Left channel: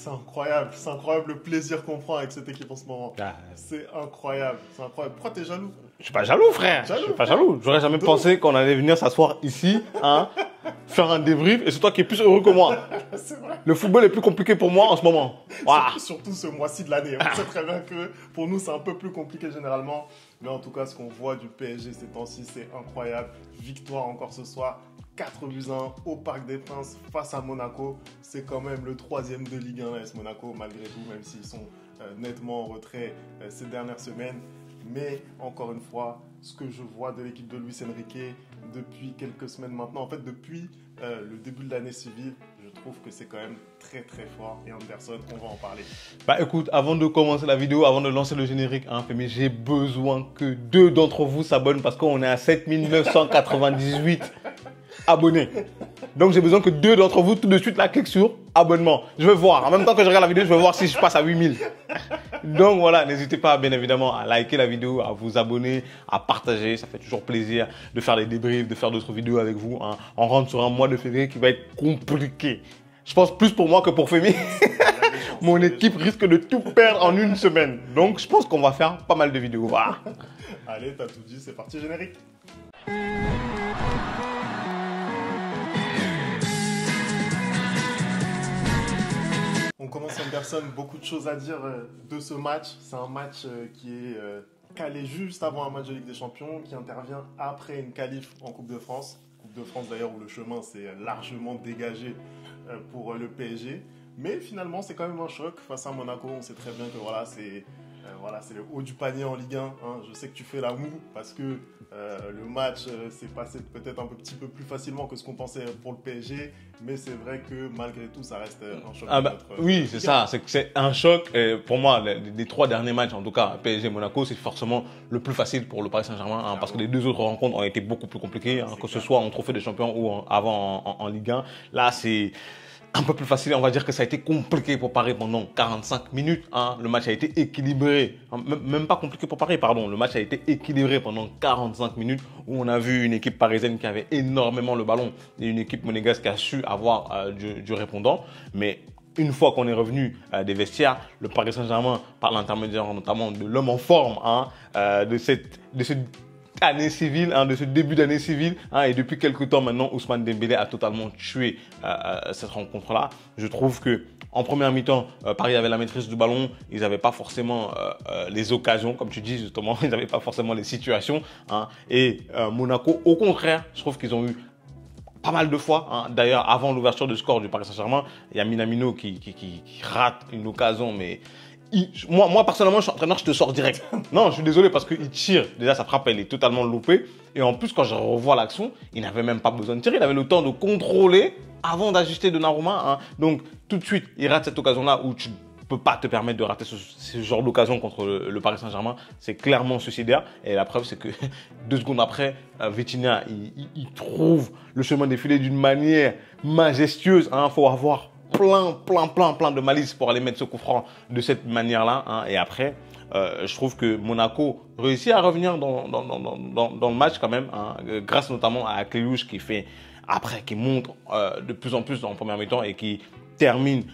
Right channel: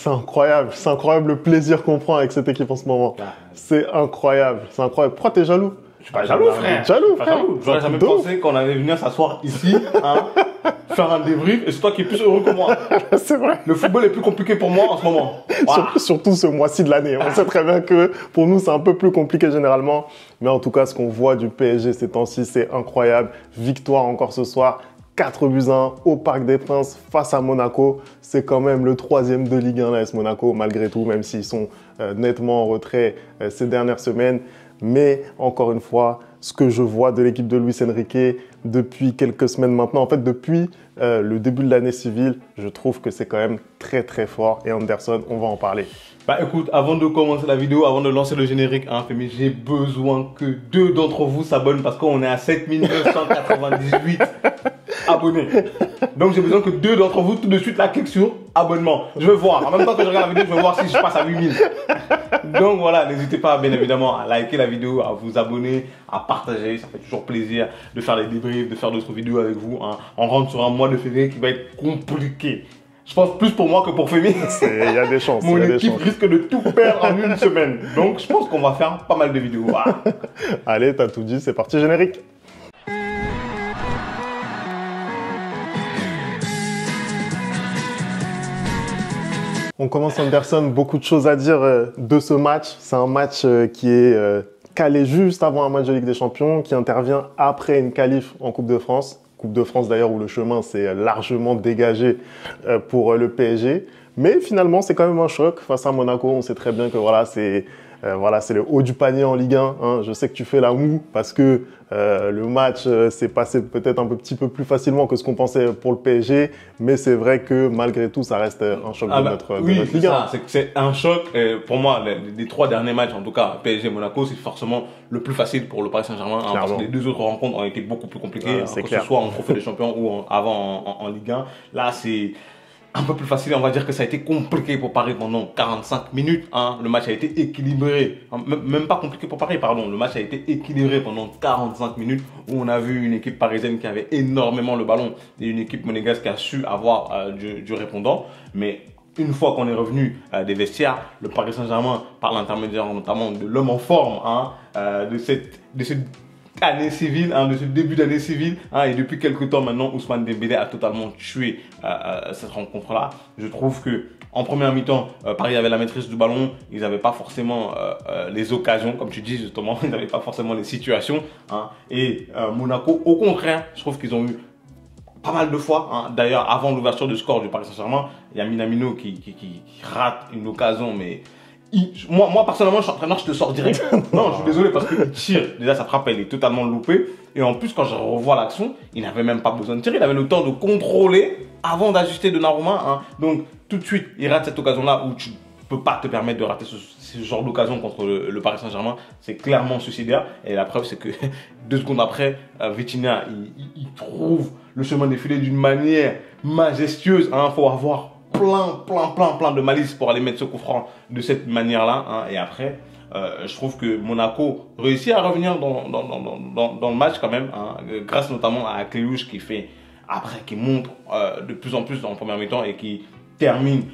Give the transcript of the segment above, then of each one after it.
C'est incroyable le plaisir qu'on prend avec cette équipe en ce moment. Ah. C'est incroyable, c'est incroyable. Pourquoi t'es jaloux? Je suis pas jaloux, frère. Jaloux, Je suis pas jaloux. J'aurais jamais pensé qu'on allait venir s'asseoir ici, hein, faire un débrief, et c'est toi qui es plus heureux que moi. C'est vrai. Le football est plus compliqué pour moi en ce moment. Voilà. Surtout ce mois-ci de l'année. On sait très bien que pour nous, c'est un peu plus compliqué généralement. Mais en tout cas, ce qu'on voit du PSG ces temps-ci, c'est incroyable. Victoire encore ce soir. 4-1 au Parc des Princes face à Monaco. C'est quand même le 3e de Ligue 1, l'AS Monaco, malgré tout, même s'ils sont nettement en retrait ces dernières semaines. Mais encore une fois, ce que je vois de l'équipe de Luis Enrique depuis quelques semaines maintenant, en fait depuis le début de l'année civile, je trouve que c'est quand même très très fort. Et Anderson, on va en parler. Bah écoute, avant de commencer la vidéo, avant de lancer le générique, hein, Femi, j'ai besoin que 2 d'entre vous s'abonnent parce qu'on est à 7998 abonnés. Donc j'ai besoin que 2 d'entre vous tout de suite là cliquent sur abonnement. Je veux voir, en même temps que je regarde la vidéo, je veux voir si je passe à 8000. Donc voilà, n'hésitez pas bien évidemment à liker la vidéo, à vous abonner, à partager, ça fait toujours plaisir de faire les débriefs, de faire d'autres vidéos avec vous. Hein. On rentre sur un mois de février qui va être compliqué. Je pense plus pour moi que pour Femi. Il y a des chances. Mon équipe risque de tout perdre en une semaine. Donc je pense qu'on va faire pas mal de vidéos. Voilà. Allez, t'as tout dit, c'est parti, générique. On commence Anderson, beaucoup de choses à dire de ce match. C'est un match qui est calé juste avant un match de Ligue des Champions, qui intervient après une qualif en Coupe de France. Coupe de France d'ailleurs où le chemin s'est largement dégagé pour le PSG. Mais finalement, c'est quand même un choc face à Monaco. On sait très bien que voilà, c'est le haut du panier en Ligue 1. Hein. Je sais que tu fais la moue parce que le match s'est passé peut-être un petit peu plus facilement que ce qu'on pensait pour le PSG. Mais c'est vrai que malgré tout, ça reste un choc de notre c'est Ligue 1. ça. C'est un choc. Pour moi, des 3 derniers matchs, en tout cas PSG-Monaco, c'est forcément le plus facile pour le Paris Saint-Germain. Hein, parce que les 2 autres rencontres ont été beaucoup plus compliquées. Hein, que ce soit en Trophée des Champions ou avant en Ligue 1. Là, c'est un peu plus facile, on va dire que ça a été compliqué pour Paris pendant 45 minutes. Hein. Le match a été équilibré, même pas compliqué pour Paris, pardon. Le match a été équilibré pendant 45 minutes où on a vu une équipe parisienne qui avait énormément le ballon et une équipe monégasque qui a su avoir du répondant. Mais une fois qu'on est revenu des vestiaires, le Paris Saint-Germain, par l'intermédiaire notamment de l'homme en forme, hein, de cette année civile, hein, de ce début d'année civile, hein, et depuis quelques temps maintenant, Ousmane Dembélé a totalement tué cette rencontre-là. Je trouve que en première mi-temps, Paris avait la maîtrise du ballon, ils n'avaient pas forcément les occasions, comme tu dis justement, ils n'avaient pas forcément les situations, hein, et Monaco, au contraire, je trouve qu'ils ont eu pas mal de fois. Hein. D'ailleurs, avant l'ouverture du score du Paris Saint-Germain, il y a Minamino qui rate une occasion, mais moi, personnellement, je suis entraîneur, je te sors direct. Non, je suis désolé parce qu'il tire. Déjà, sa frappe, elle est totalement loupée. Et en plus, quand je revois l'action, il n'avait même pas besoin de tirer. Il avait le temps de contrôler avant d'ajuster Donnarumma. Hein. Donc, tout de suite, il rate cette occasion-là où tu ne peux pas te permettre de rater ce genre d'occasion contre le Paris Saint-Germain. C'est clairement suicidaire. Et la preuve, c'est que 2 secondes après, Vitinha, il trouve le chemin défilé d'une manière majestueuse. Il faut avoir plein de malice pour aller mettre ce coup franc de cette manière-là. Hein. Et après, je trouve que Monaco réussit à revenir dans le match quand même, hein, grâce notamment à Cléouche qui montre de plus en plus dans le premier mi-temps et qui termine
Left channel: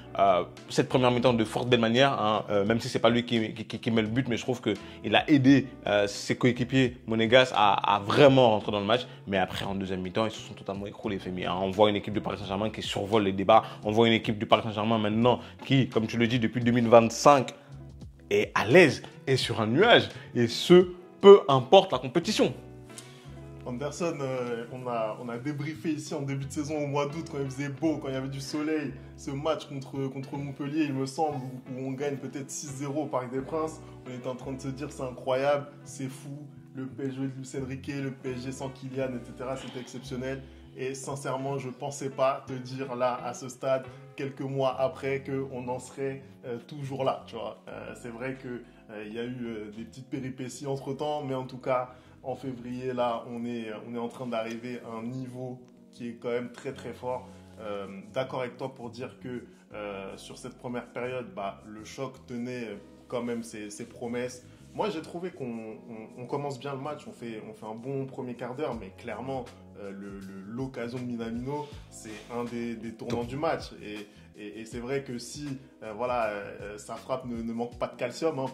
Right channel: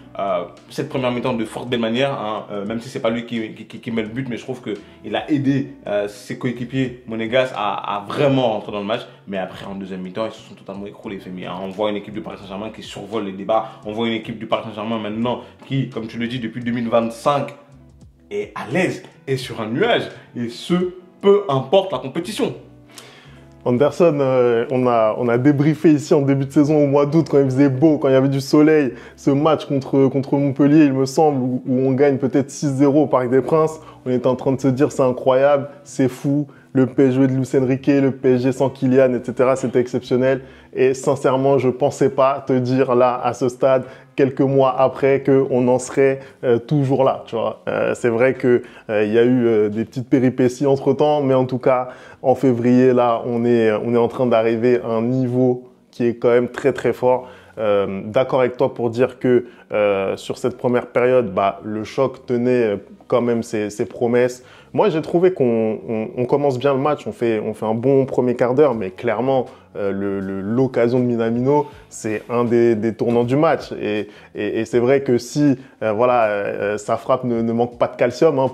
cette première mi-temps de fort belle manière, hein, même si c'est pas lui qui met le but, mais je trouve qu'il a aidé ses coéquipiers monégasques à vraiment rentrer dans le match. Mais après, en deuxième mi-temps, ils se sont totalement écroulés. Hein. On voit une équipe du Paris Saint-Germain qui survole les débats. On voit une équipe du Paris Saint-Germain maintenant qui, comme tu le dis, depuis 2025 est à l'aise et sur un nuage. Et ce, peu importe la compétition. Anderson, on a débriefé ici en début de saison au mois d'août quand il faisait beau, quand il y avait du soleil, ce match contre Montpellier, il me semble, où on gagne peut-être 6-0 au Parc des Princes. On était en train de se dire c'est incroyable, c'est fou, le PSG de Luis Enrique, le PSG sans Kylian, etc. C'était exceptionnel. Et sincèrement, je ne pensais pas te dire là, à ce stade, quelques mois après, qu'on en serait toujours là. Tu vois. C'est vrai qu'il y a eu des petites péripéties entre-temps, mais en tout cas, en février, là, on est en train d'arriver à un niveau qui est quand même très très fort. D'accord avec toi pour dire que sur cette première période, le choc tenait quand même ses promesses. Moi, j'ai trouvé qu'on commence bien le match, on fait un bon premier quart d'heure, mais clairement, l'occasion de Minamino, c'est un des tournants du match. Et c'est vrai que si sa frappe ne manque pas de calcium, hein,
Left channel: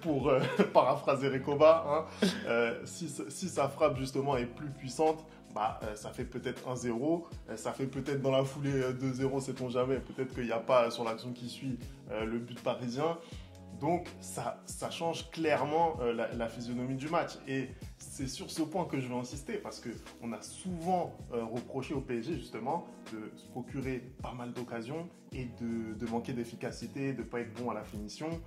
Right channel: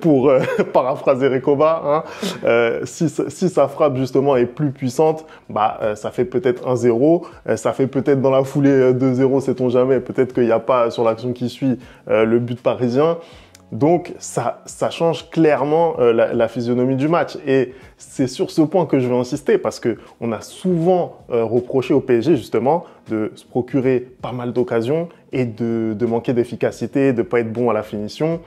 pour paraphraser Recoba, hein, si sa frappe justement est plus puissante, ça fait peut-être 1-0, ça fait peut-être dans la foulée 2-0, sait-on jamais, peut-être qu'il n'y a pas sur l'action qui suit le but parisien. Donc, ça change clairement la physionomie du match. Et c'est sur ce point que je vais insister parce qu'on a souvent reproché au PSG, justement, de se procurer pas mal d'occasions et de manquer d'efficacité, de ne pas être bon à la finition.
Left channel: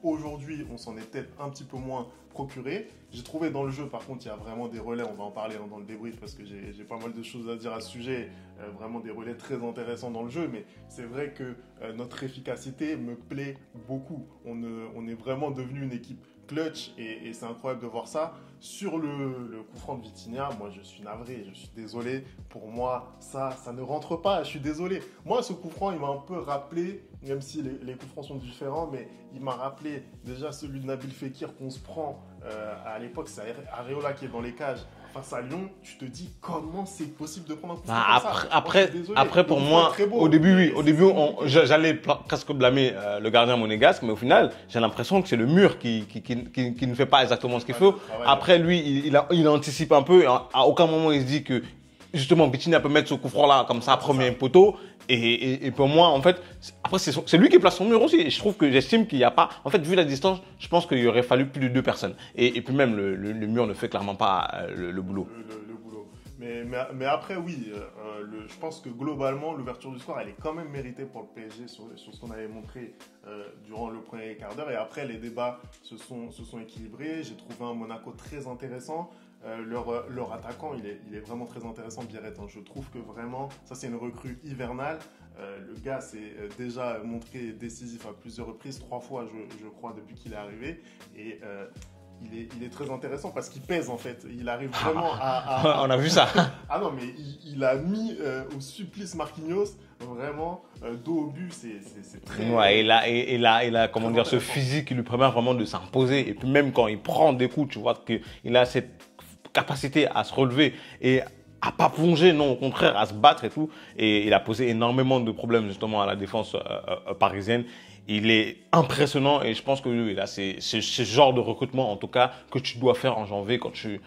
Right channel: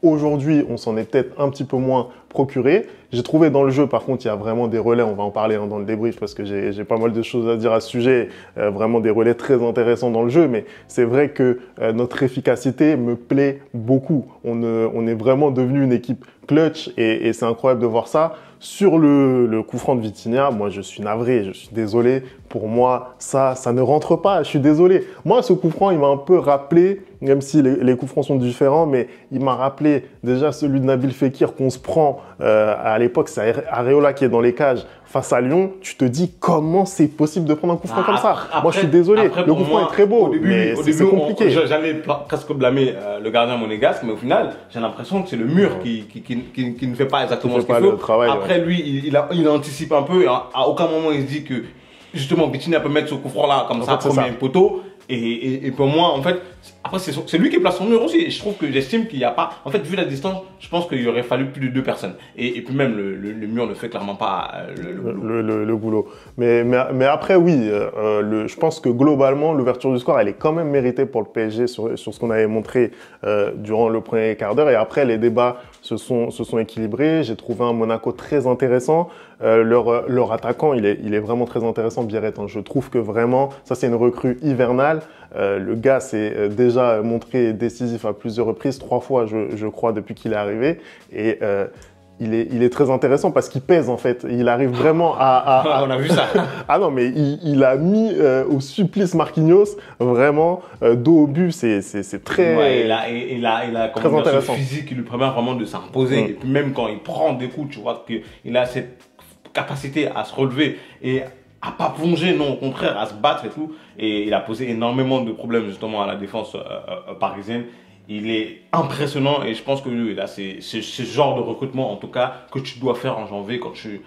Aujourd'hui, on s'en est peut-être un petit peu moins procuré. J'ai trouvé dans le jeu, par contre, il y a vraiment des relais, on va en parler hein, dans le débrief parce que j'ai pas mal de choses à dire à ce sujet, vraiment des relais très intéressants dans le jeu, mais c'est vrai que notre efficacité me plaît beaucoup. On est vraiment devenu une équipe clutch et c'est incroyable de voir ça. Sur le coup franc de Vitinha, moi je suis navré, je suis désolé. Pour moi, ça ne rentre pas, je suis désolé. Moi, ce coup franc, il m'a un peu rappelé, même si les coups francs sont différents, mais il m'a rappelé déjà celui de Nabil Fekir qu'on se prend à l'époque, c'est Areola qui est dans les cages face à Lyon. Tu te dis comment c'est possible de prendre un coup franc comme ça. Moi, je suis désolé, le coup franc est très beau. Au début j'allais presque blâmer le gardien monégasque, mais au final, j'ai l'impression que c'est le mur qui ne fait pas exactement ce qu'il faut. Après, lui, il anticipe un peu. À aucun moment, il se dit que justement, Vitinha peut mettre ce coup franc-là comme ça, premier poteau. Et pour moi, en fait, après, c'est lui qui place son mur aussi. Et je trouve que j'estime qu'il n'y a pas. En fait, vu la distance, je pense qu'il aurait fallu plus de 2 personnes. Et puis même, le mur ne fait clairement pas le boulot. Le boulot. Mais après, oui, je pense que globalement, l'ouverture du score, elle est quand même méritée pour le PSG sur ce qu'on avait montré durant le premier quart d'heure. Et après, les débats se sont équilibrés. J'ai trouvé un Monaco très intéressant. Leur attaquant, il est vraiment très intéressant, Biarrette. Hein. Je trouve que vraiment, ça c'est une recrue hivernale. Le gars s'est déjà montré décisif à plusieurs reprises, 3 fois je crois depuis qu'il est arrivé. Et il est très intéressant parce qu'il pèse en fait. Il arrive vraiment à On a vu ça. Ah non, mais il a mis au supplice Marquinhos, vraiment, dos au but, c'est très... Ouais, il a comment dire, ce physique qui lui permet vraiment de s'imposer. Et puis même quand il prend des coups, tu vois qu'il a cette capacité à se relever et à pas plonger, non, au contraire, à se battre et tout. Et il a posé énormément de problèmes justement à la défense parisienne. Il est impressionnant et je pense que là, c'est ce genre de recrutement, en tout cas, que tu dois faire en janvier quand tu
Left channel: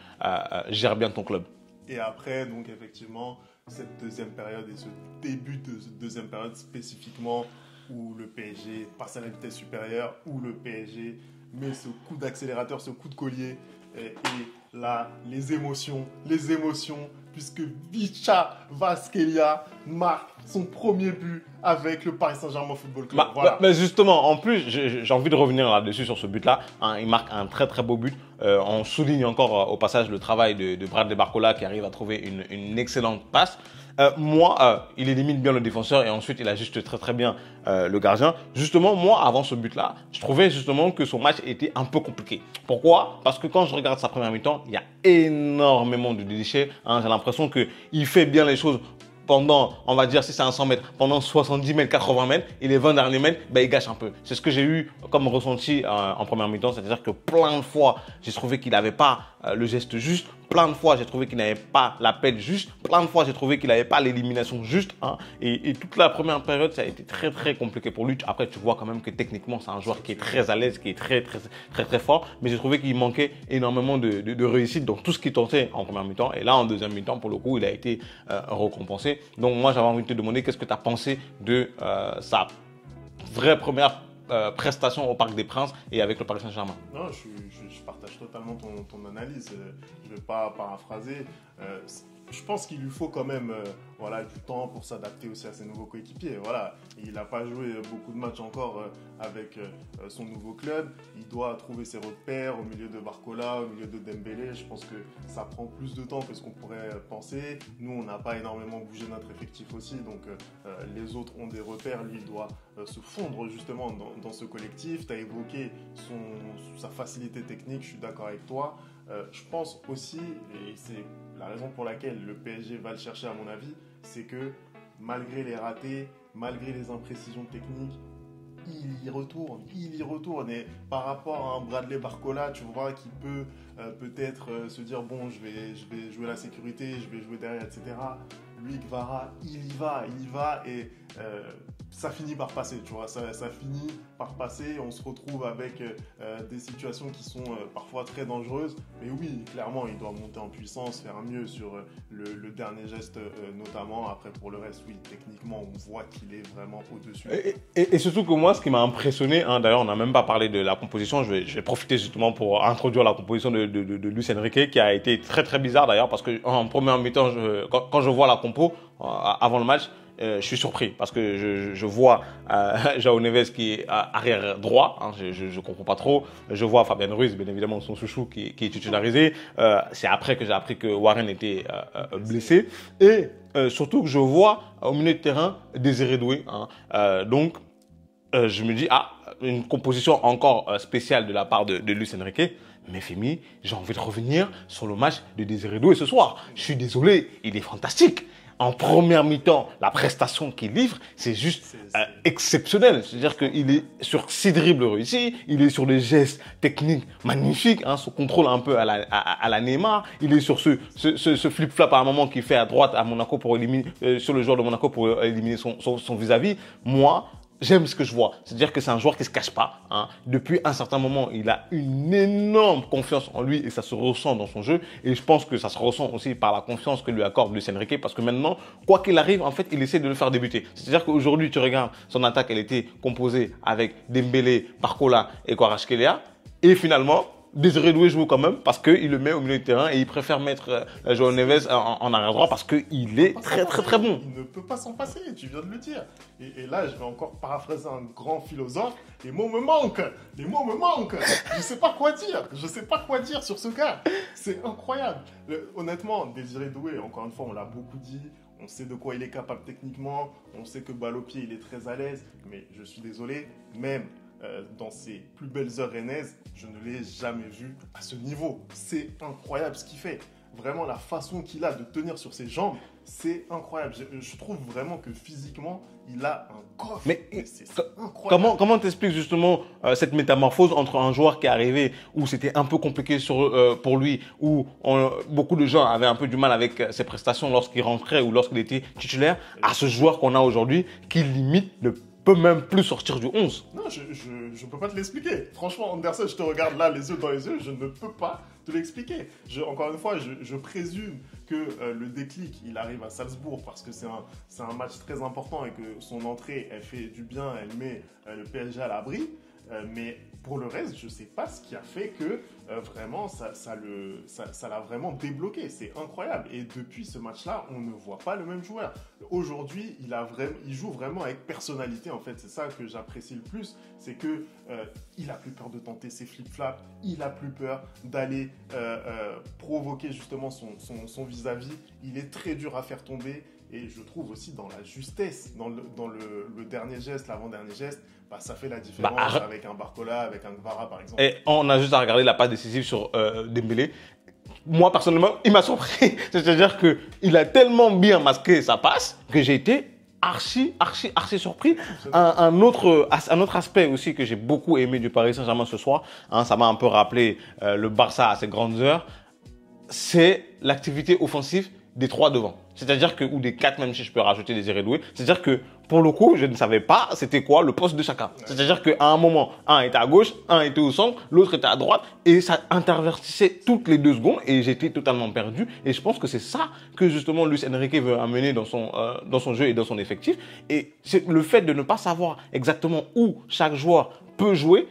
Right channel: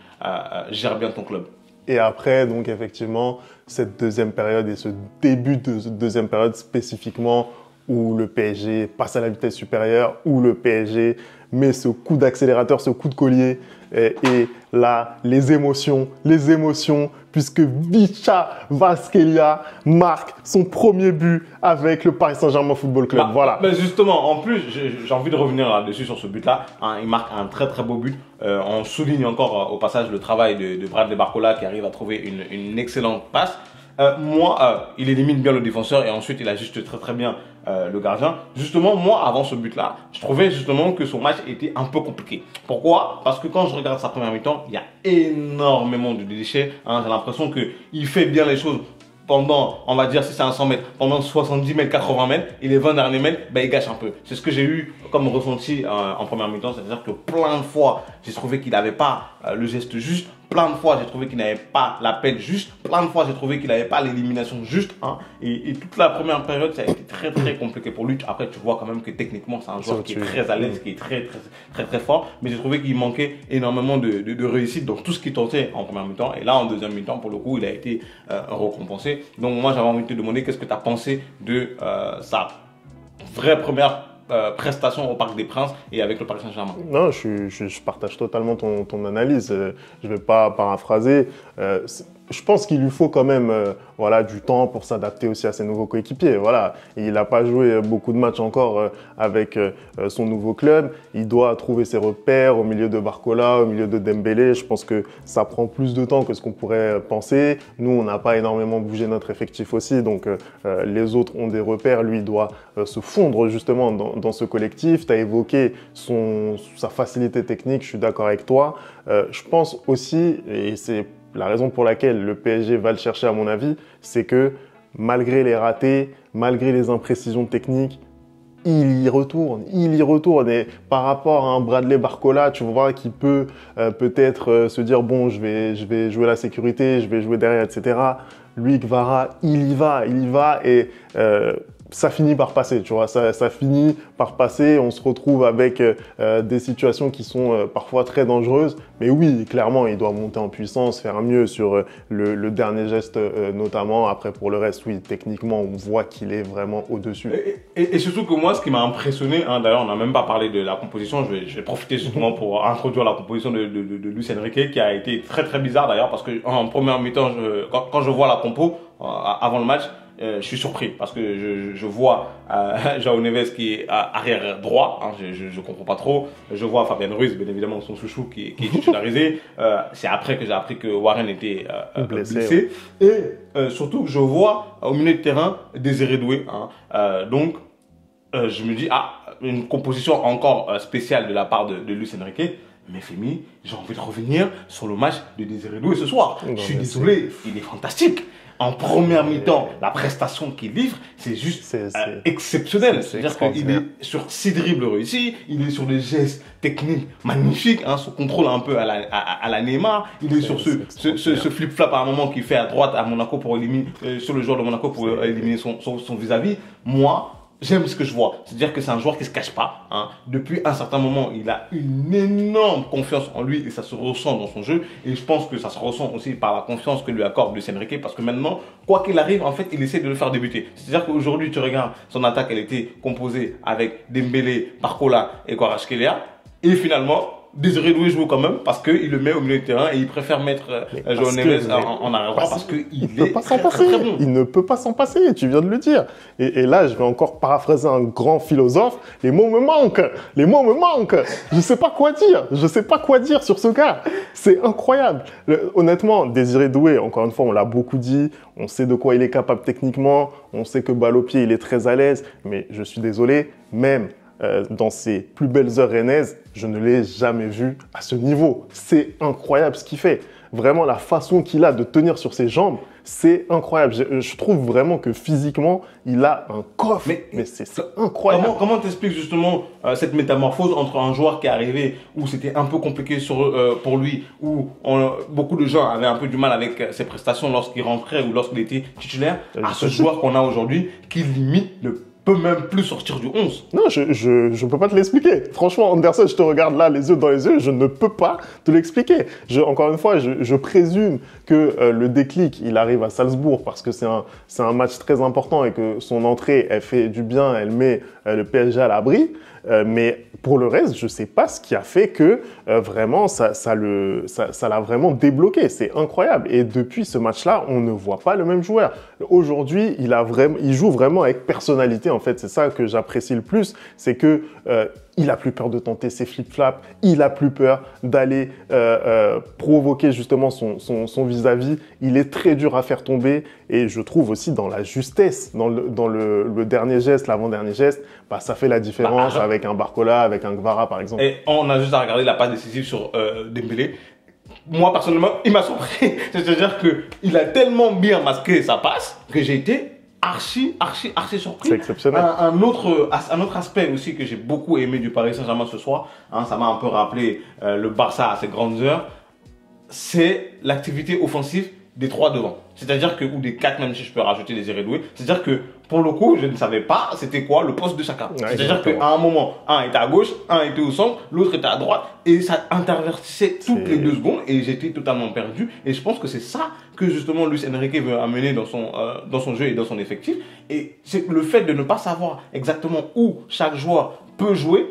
gères bien ton club. Et après, donc effectivement, cette deuxième période et ce début de deuxième période spécifiquement où le PSG passe à la vitesse supérieure, où le PSG met ce coup d'accélérateur, ce coup de collier. Et là, les émotions, puisque Vicha Kvaratskhelia marque son premier but avec le Paris Saint-Germain Football Club. Voilà. Mais justement, en plus, j'ai envie de revenir là-dessus sur ce but-là. Hein, il marque un très très beau but. On souligne encore au passage le travail de Bradley Barcola qui arrive à trouver une excellente passe. Il élimine bien le défenseur et ensuite il ajuste très très bien le gardien. Justement, moi, avant ce but-là, je trouvais justement que son match était un peu compliqué. Pourquoi? Parce que quand je regarde sa première mi-temps, il y a énormément de déchets. Hein, j'ai l'impression qu'il fait bien les choses pendant, on va dire, si c'est un 100 mètres, pendant 70 mètres, 80 mètres, et les 20 derniers mètres, il gâche un peu. C'est ce que j'ai eu comme ressenti en première mi-temps, c'est-à-dire que plein de fois, j'ai trouvé qu'il n'avait pas le geste juste. Plein de fois, j'ai trouvé qu'il n'avait pas l'appel juste. Plein de fois, j'ai trouvé qu'il n'avait pas l'élimination juste. Hein. Et toute la première période, ça a été très, très compliqué pour lui. Après, tu vois quand même que techniquement, c'est un joueur qui est très à l'aise, qui est très, très, très, très fort. Mais j'ai trouvé qu'il manquait énormément de réussite dans tout ce qu'il tentait en première mi-temps. Et là, en deuxième mi-temps, pour le coup, il a été récompensé. Donc, moi, j'avais envie de te demander qu'est-ce que tu as pensé de sa vraie première prestation au Parc des Princes et avec le Paris Saint-Germain. Non, je partage totalement ton analyse. Je ne vais pas paraphraser. Je pense qu'il lui faut quand même du temps pour s'adapter aussi à ses nouveaux coéquipiers. Voilà. Il n'a pas joué beaucoup de matchs encore avec son nouveau club. Il doit trouver ses repères au milieu de Barcola, au milieu de Dembélé. Je pense que ça prend plus de temps que ce qu'on pourrait penser. Nous, on n'a pas énormément bougé notre effectif aussi. Donc, les autres ont des repères. Lui, il doit se fondre justement dans ce collectif. Tu as évoqué sa facilité technique. Je suis d'accord avec toi. Je pense aussi, et c'est la raison pour laquelle le PSG va le chercher à mon avis, c'est que malgré les ratés, malgré les imprécisions techniques, il y retourne. Et par rapport à un Bradley Barcola, tu vois, qui peut peut-être se dire, bon, je vais jouer la sécurité, je vais jouer derrière, etc. Lui, Kvara, il y va et ça finit par passer, tu vois, ça finit par passer. On se retrouve avec des situations qui sont parfois très dangereuses. Mais oui, clairement, il doit monter en puissance, faire mieux sur le dernier geste notamment. Après, pour le reste, oui, techniquement, on voit qu'il est vraiment au-dessus. Et surtout que moi, ce qui m'a impressionné, hein, d'ailleurs, on n'a même pas parlé de la composition. Je vais profiter justement pour introduire la composition de Luis Enrique, qui a été très très bizarre d'ailleurs, parce qu'en première mi-temps, quand je vois la compo avant le match, je suis surpris parce que je vois João Neves qui est arrière droit, hein, je comprends pas trop. Je vois Fabien Ruiz, bien évidemment son chouchou qui est titularisé. C'est après que j'ai appris que Warren était blessé. Et surtout que je vois au milieu de terrain Désiré Doué. Hein. Donc je me dis, une composition encore spéciale de la part de Luis Enrique. Mais Femi, j'ai envie de revenir sur le match de Désiré Doué ce soir. Je suis désolé, il est fantastique. En première mi-temps, la prestation qu'il livre, c'est juste exceptionnel. C'est-à-dire qu'il est sur 6 dribbles réussis, il est sur des gestes techniques magnifiques, hein, son contrôle un peu à la Neymar, il est sur ce flip-flap à un moment qu'il fait à droite à Monaco pour éliminer, sur le joueur de Monaco pour éliminer son vis-à-vis. Moi, j'aime ce que je vois. C'est-à-dire que c'est un joueur qui ne se cache pas. Hein. Depuis un certain moment, il a une énorme confiance en lui et ça se ressent dans son jeu. Et je pense que ça se ressent aussi par la confiance que lui accorde Luis Enrique parce que maintenant, quoi qu'il arrive, en fait, il essaie de le faire débuter. C'est-à-dire qu'aujourd'hui, tu regardes son attaque, elle était composée avec Dembélé, Barcola et Kvaratskhelia. Et finalement, Désiré Doué joue quand même parce qu'il le met au milieu de terrain et il préfère mettre João Neves en arrière droit parce qu'il est très bon. Il ne peut pas s'en passer, tu viens de le dire. Et là, je vais encore paraphraser un grand philosophe. Les mots me manquent. Je ne sais pas quoi dire sur ce gars. C'est incroyable. Honnêtement, Désiré Doué, encore une fois, on l'a beaucoup dit. On sait de quoi il est capable techniquement. On sait que balle au pied, il est très à l'aise. Mais je suis désolé, même dans ses plus belles heures rennaises, je ne l'ai jamais vu à ce niveau. C'est incroyable ce qu'il fait. Vraiment, la façon qu'il a de tenir sur ses jambes, c'est incroyable. Je trouve vraiment que physiquement, il a un coffre. Mais c'est incroyable. Comment t'expliques justement cette métamorphose entre un joueur qui est arrivé où c'était un peu compliqué pour lui, où beaucoup de gens avaient un peu du mal avec ses prestations lorsqu'il rentrait ou lorsqu'il était titulaire, à ce joueur qu'on a aujourd'hui qui limite le peut même plus sortir du 11. Non, je ne peux pas te l'expliquer. Franchement, Anderson, je te regarde là, les yeux dans les yeux, je ne peux pas te l'expliquer. Encore une fois, je présume que le déclic, il arrive à Salzbourg parce que c'est un match très important et que son entrée, elle fait du bien, elle met le PSG à l'abri. Mais pour le reste, je ne sais pas ce qui a fait que vraiment ça l'a vraiment débloqué. C'est incroyable. Et depuis ce match-là, on ne voit pas le même joueur. Aujourd'hui, il joue vraiment avec personnalité. En fait, c'est ça que j'apprécie le plus, c'est que il a plus peur de tenter ses flip-flaps. Il a plus peur d'aller provoquer justement son vis-à-vis. Il est très dur à faire tomber. Et je trouve aussi dans la justesse, dans le dernier geste, l'avant-dernier geste, ça fait la différence avec un Barcola, avec un Kvara par exemple. Et on a juste à regarder la passe décisive sur Dembélé. Moi, personnellement, il m'a surpris. C'est-à-dire qu'il a tellement bien masqué sa passe que j'ai été archi surpris. C'est exceptionnel. Un autre aspect aussi que j'ai beaucoup aimé du Paris Saint-Germain ce soir, hein, ça m'a un peu rappelé le Barça à ses grandes heures, c'est l'activité offensive des 3 devant. C'est-à-dire que, ou des 4 même si je peux rajouter Désiré Doué, c'est-à-dire que pour le coup, je ne savais pas c'était quoi le poste de chacun. Ouais, c'est-à-dire qu'à un moment, un était à gauche, un était au centre, l'autre était à droite et ça intervertissait toutes les 2 secondes et j'étais totalement perdu. Et je pense que c'est ça que justement Luis Enrique veut amener dans son jeu et dans son effectif. Et c'est le fait de ne pas savoir exactement où chaque joueur peut jouer,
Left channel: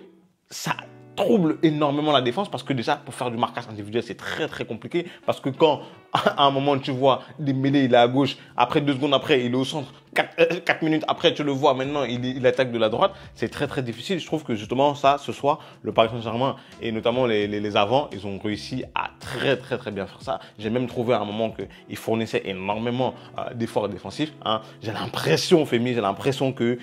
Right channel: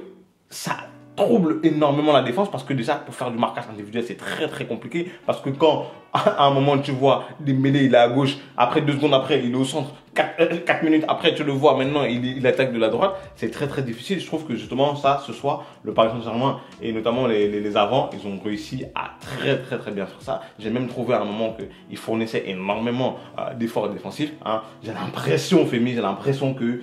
ça trouble énormément la défense parce que déjà pour faire du marquage individuel c'est très compliqué parce que quand à un moment tu vois Dembélé il est à gauche, après 2 secondes après il est au centre, 4 minutes après tu le vois maintenant il attaque de la droite, c'est très difficile. Je trouve que justement ça ce soir le Paris Saint-Germain et notamment les avants ils ont réussi à très bien faire ça. J'ai même trouvé à un moment qu'ils fournissaient énormément d'efforts défensifs, hein. J'ai l'impression que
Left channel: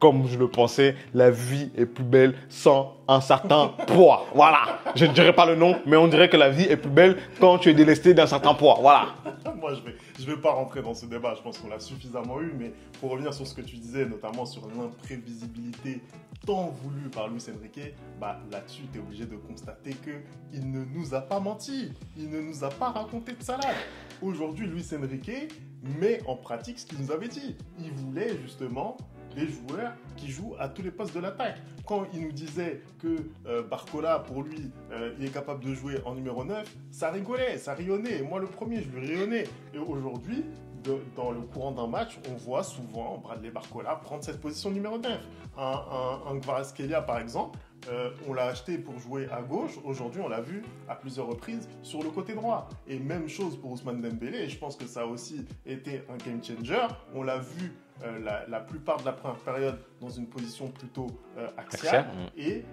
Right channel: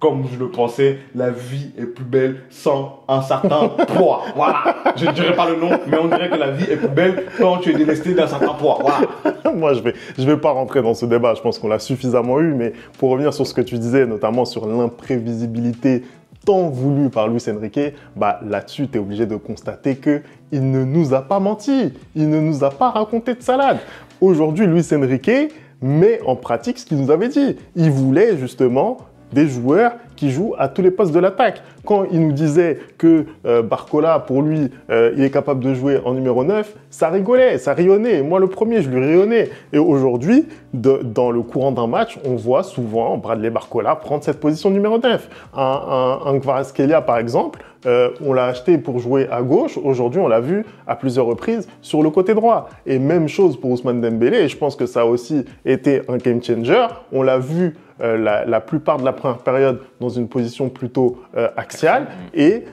comme je le pensais, la vie est plus belle sans un certain poids. Voilà. Je ne dirai pas le nom, mais on dirait que la vie est plus belle quand tu es délesté d'un certain poids. Voilà. Moi, je vais pas rentrer dans ce débat. Je pense qu'on l'a suffisamment eu. vu, mais pour revenir sur ce que tu disais, notamment sur l'imprévisibilité tant voulu par Luis Enrique, bah, là-dessus, tu es obligé de constater qu'il ne nous a pas menti, il ne nous a pas raconté de salade. Aujourd'hui, Luis Enrique met en pratique ce qu'il nous avait dit. Il voulait justement des joueurs qui jouent à tous les postes de l'attaque. Quand il nous disait que Barcola, pour lui, il est capable de jouer en numéro 9, ça rigolait, ça rayonnait. Moi, le premier, je lui rayonnais. Et aujourd'hui, dans le courant d'un match, on voit souvent Bradley Barcola prendre cette position numéro 9. Un Kvaratskhelia, par exemple, on l'a acheté pour jouer à gauche. Aujourd'hui, on l'a vu à plusieurs reprises sur le côté droit. Et même chose pour Ousmane Dembélé. Et je pense que ça a aussi été un game changer. On l'a vu la plupart de la première période dans une position plutôt axiale. Et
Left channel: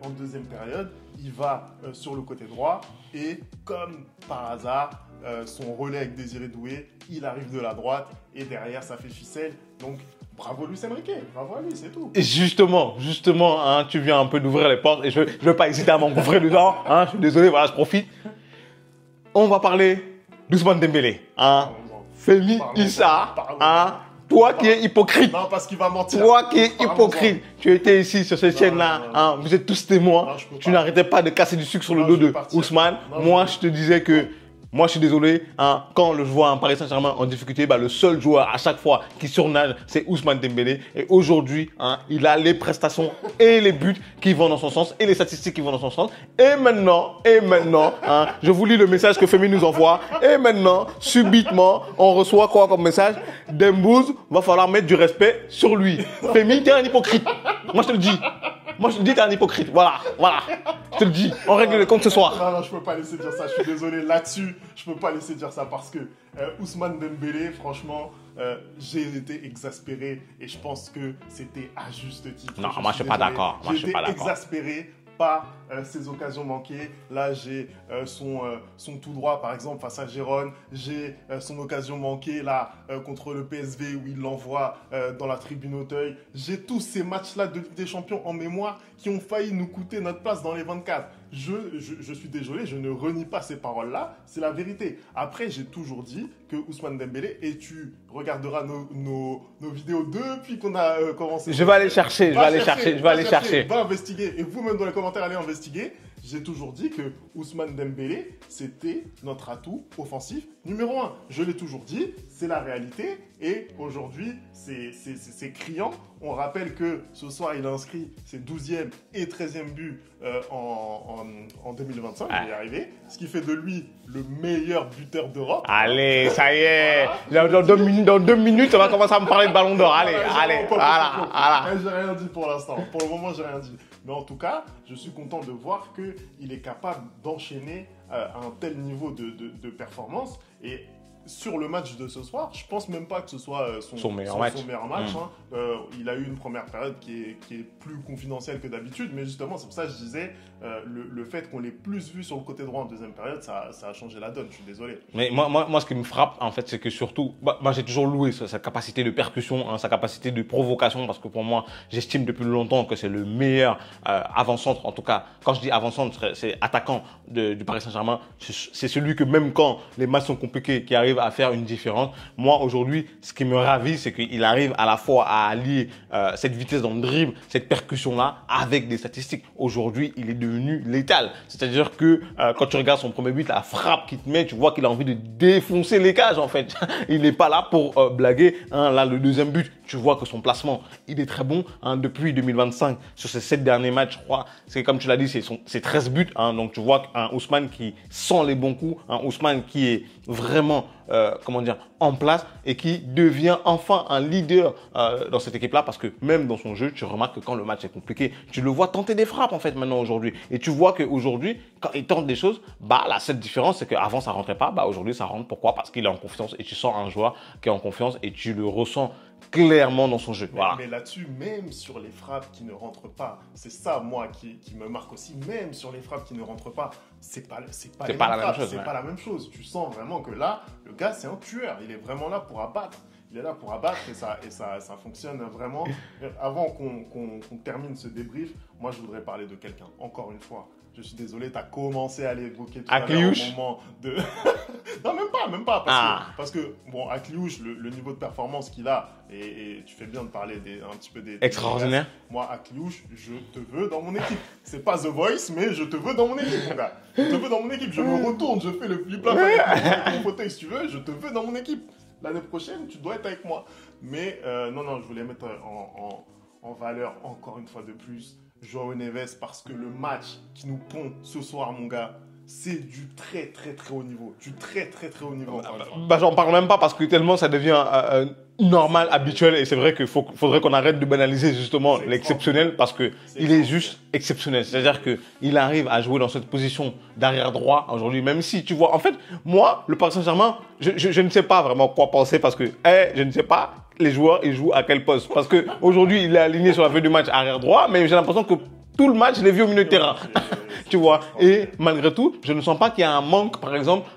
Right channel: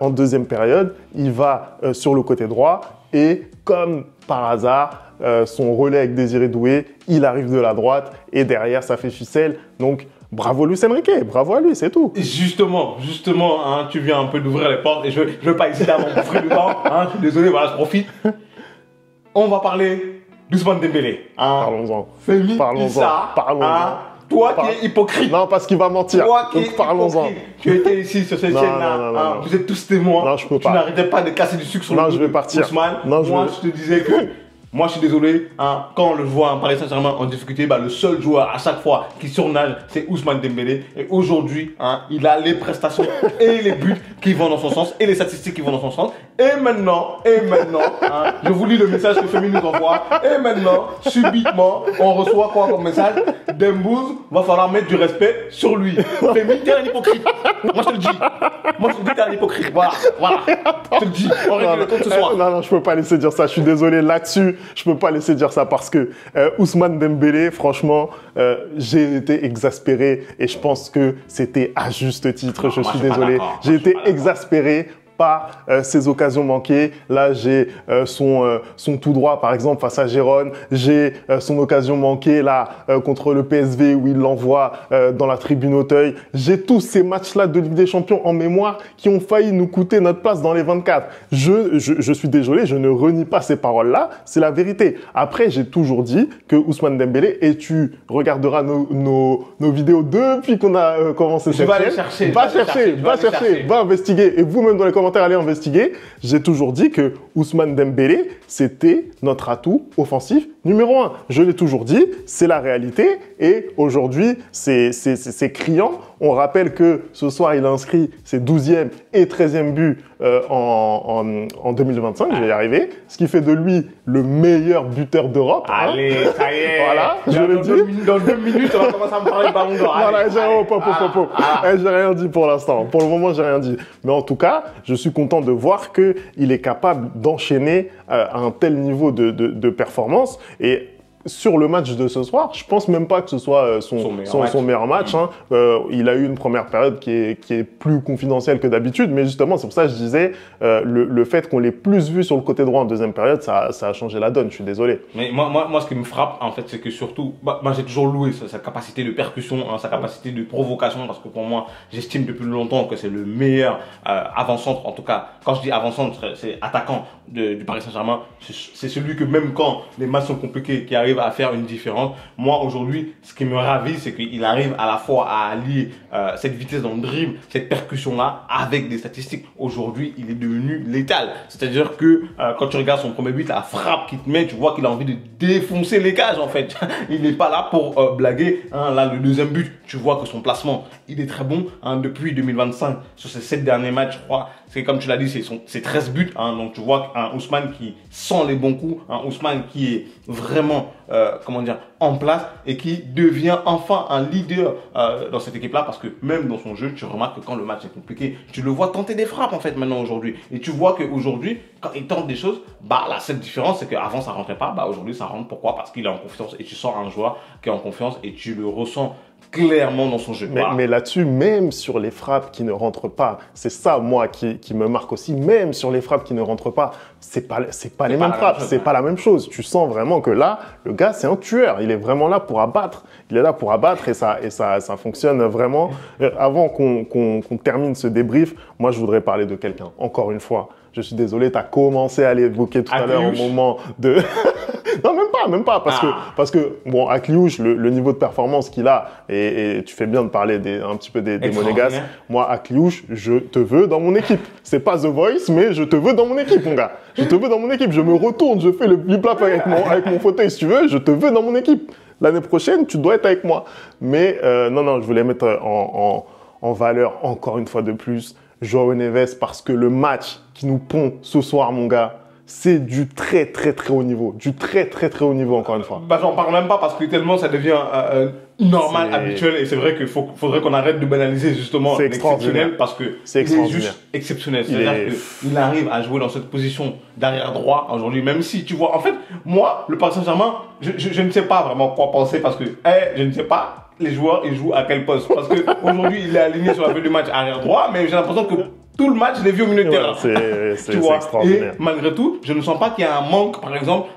en deuxième période, il va sur le côté droit. Et comme par hasard, son relais avec Désiré Doué, il arrive de la droite. Et derrière, ça fait ficelle. Donc, bravo Luis Enrique, bravo à lui, c'est tout. Et justement, hein, tu viens un peu d'ouvrir les portes et je ne veux pas hésiter à m'engouffrer dedans. Hein, je suis désolé, voilà, je profite. On va parler d'Ousmane Dembélé. Hein. Parlons-en. Femi Issa, hein, toi qui es hypocrite. Non, parce qu'il va mentir. Toi qui es hypocrite. Tu étais ici sur cette chaîne-là. Hein, vous êtes tous témoins. Non, je peux pas. Tu n'arrêtais pas de casser du sucre sur le dos de Ousmane. Moi, je te disais que... Moi, je suis désolé, hein, quand je vois un Paris Saint-Germain en difficulté, bah, le seul joueur à chaque fois qui surnage, c'est Ousmane Dembélé. Et aujourd'hui, hein, il a les prestations et les buts qui vont dans son sens et les statistiques qui vont dans son sens. Et maintenant, hein, je vous lis le message que Femi nous envoie. Et maintenant, subitement, on reçoit quoi comme message? Dembouz, va falloir mettre du respect sur lui. Femi, t'es un hypocrite. Moi, je te le dis. Moi, je te dis que t'es un hypocrite. Voilà. Je te le dis. On règle le compte ce soir. Non, je peux pas laisser dire ça. Je suis désolé là-dessus. Je peux pas laisser dire ça parce que Ousmane Dembélé, franchement, j'ai été exaspéré et je pense que c'était à juste titre. Non, je suis désolé. J'ai été exaspéré par ces occasions manquées. Là, j'ai son tout droit, par exemple, face à Gérone. J'ai son occasion manquée, là, contre le PSV, où il l'envoie dans la tribune Auteuil. J'ai tous ces matchs-là de Ligue des Champions en mémoire qui ont failli nous coûter notre place dans les 24. Je suis désolé, je ne renie pas ces paroles-là. C'est la vérité. Après, j'ai toujours dit que Ousmane Dembélé, et tu regarderas nos vidéos depuis qu'on a commencé cette chaîne. Je vais aller chercher. Va investiguer. Et vous-même dans les commentaires, allez investiguer. J'ai toujours dit que Ousmane Dembélé, c'était notre atout offensif numéro 1. Je l'ai toujours dit, c'est la réalité. Et aujourd'hui, c'est criant. On rappelle que ce soir, il a inscrit ses 12e et 13e buts en 2025. Je vais y arriver. Ce qui fait de lui le meilleur buteur d'Europe. Allez, ça y est. Voilà. Dans 2 minutes, on va commencer à me parler de ballon d'or. J'ai rien dit pour l'instant. Pour le moment, j'ai rien dit. Mais en tout cas, je suis content de voir qu'il est capable d'enchaîner à un tel niveau de performance. Et sur le match de ce soir, je pense même pas que ce soit son meilleur match. Hein. Il a eu une première période qui est plus confidentielle que d'habitude, mais justement, c'est pour ça que je disais, le fait qu'on l'ait plus vu sur le côté droit en deuxième période, ça a changé la donne, je suis désolé. Mais moi, ce qui me frappe, en fait, c'est que surtout, moi j'ai toujours loué sa capacité de percussion, hein, sa capacité de provocation, parce que pour moi, j'estime depuis longtemps que c'est le meilleur avant-centre, en tout cas, quand je dis avant-centre, c'est attaquant du Paris Saint-Germain, c'est celui que même quand les matchs sont compliqués, qui arrive à faire une différence. Moi, aujourd'hui, ce qui me ravit, c'est qu'il arrive à la fois à allier cette vitesse dans le dribble, cette percussion-là, avec des statistiques. Aujourd'hui, il est devenu létal. C'est-à-dire que quand tu regardes son premier but, la frappe qu'il te met, tu vois qu'il a envie de défoncer les cages, en fait. Il n'est pas là pour blaguer. Hein. Là, le deuxième but, tu vois que son placement, il est très bon. Hein, depuis 2025, sur ces 7 derniers matchs, je crois, c'est comme tu l'as dit, c'est 13 buts. Hein, donc, tu vois un Ousmane qui sent les bons coups, un Ousmane qui est vraiment en place et qui devient enfin un leader dans cette équipe-là, parce que même dans son jeu, tu remarques que quand le match est compliqué, tu le vois tenter des frappes en fait maintenant aujourd'hui. Et tu vois qu'aujourd'hui, quand il tente des choses, la seule différence, c'est qu'avant ça rentrait pas, aujourd'hui ça rentre. Pourquoi? Parce qu'il est en confiance et tu sens un joueur qui est en confiance et tu le ressens clairement dans son jeu. Mais là-dessus, même sur les frappes qui ne rentrent pas, c'est ça, moi, qui me marque aussi, même sur les frappes qui ne rentrent pas, c'est pas les mêmes frappes, c'est pas la même chose. Tu sens vraiment que là, le gars, c'est un tueur. Il est vraiment là pour abattre. Il est là pour abattre et ça fonctionne vraiment. Avant qu'on termine ce débrief, moi, je voudrais parler de quelqu'un, encore une fois. Je suis désolé, tu as commencé à l'évoquer tout à l'heure au moment de... Non, même pas, parce que bon, Akliouche, le niveau de performance qu'il a, et tu fais bien de parler un petit peu des Monégasques. Moi, Akliouche, je te veux dans mon équipe. C'est pas The Voice, mais je te veux dans mon équipe, mon gars. Je te veux dans mon équipe. Je me retourne, je fais le flip-flap avec mon fauteuil, si tu veux. Je te veux dans mon équipe. L'année prochaine, tu dois être avec moi. Mais non, je voulais mettre en valeur, encore une fois de plus, João Neves, parce que le match qui nous pond ce soir, mon gars, c'est du très haut niveau. Du très haut niveau, encore une fois. Bah, j'en parle même pas parce que tellement ça devient normal, habituel. Et c'est vrai qu'il faudrait qu'on arrête de banaliser justement l'exceptionnel parce que il est juste exceptionnel. C'est-à-dire qu'il arrive à jouer dans cette position d'arrière droit aujourd'hui, même si tu vois. En fait, moi, le Paris Saint-Germain, je ne sais pas vraiment quoi penser parce que je ne sais pas les joueurs, ils jouent à quel poste. Parce qu'aujourd'hui, il est aligné sur la fin du match arrière droit, mais j'ai l'impression que tout le match, je l'ai vu au milieu de terrain. Tu vois. Et malgré tout, je ne sens pas qu'il y a un manque, par exemple,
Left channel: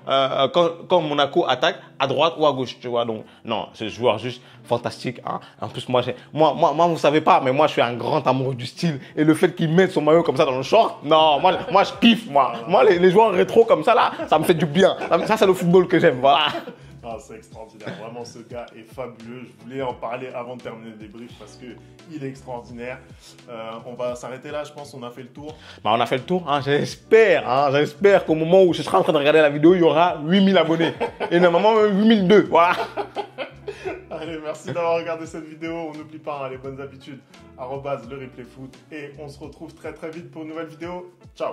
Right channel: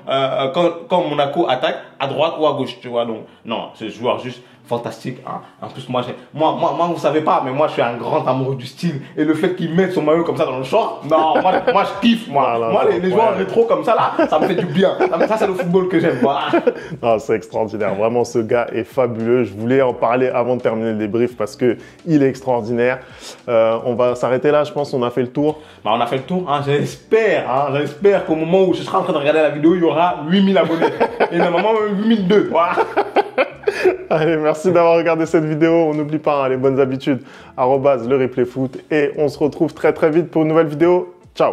quand Monaco attaque à droite ou à gauche. Tu vois. Donc, non, ce joueur juste fantastique. Hein. En plus, moi, vous ne savez pas, mais moi, je suis un grand amoureux du style. Et le fait qu'il mette son maillot comme ça dans le short, non, moi je kiffe. Moi, les joueurs rétro comme ça, là, ça me fait du bien. Ça, c'est le football que j'aime. Voilà. Non, c'est extraordinaire. Vraiment, ce gars est fabuleux. Je voulais en parler avant de terminer le débrief parce qu'il est extraordinaire. On va s'arrêter là, je pense. On a fait le tour. Bah, on a fait le tour. Hein. J'espère qu'au moment où je serai en train de regarder la vidéo, il y aura 8000 abonnés. Et normalement, 8002. Voilà. Allez, merci d'avoir regardé cette vidéo. On n'oublie pas les bonnes habitudes. @le replay foot. Et on se retrouve très vite pour une nouvelle vidéo. Ciao.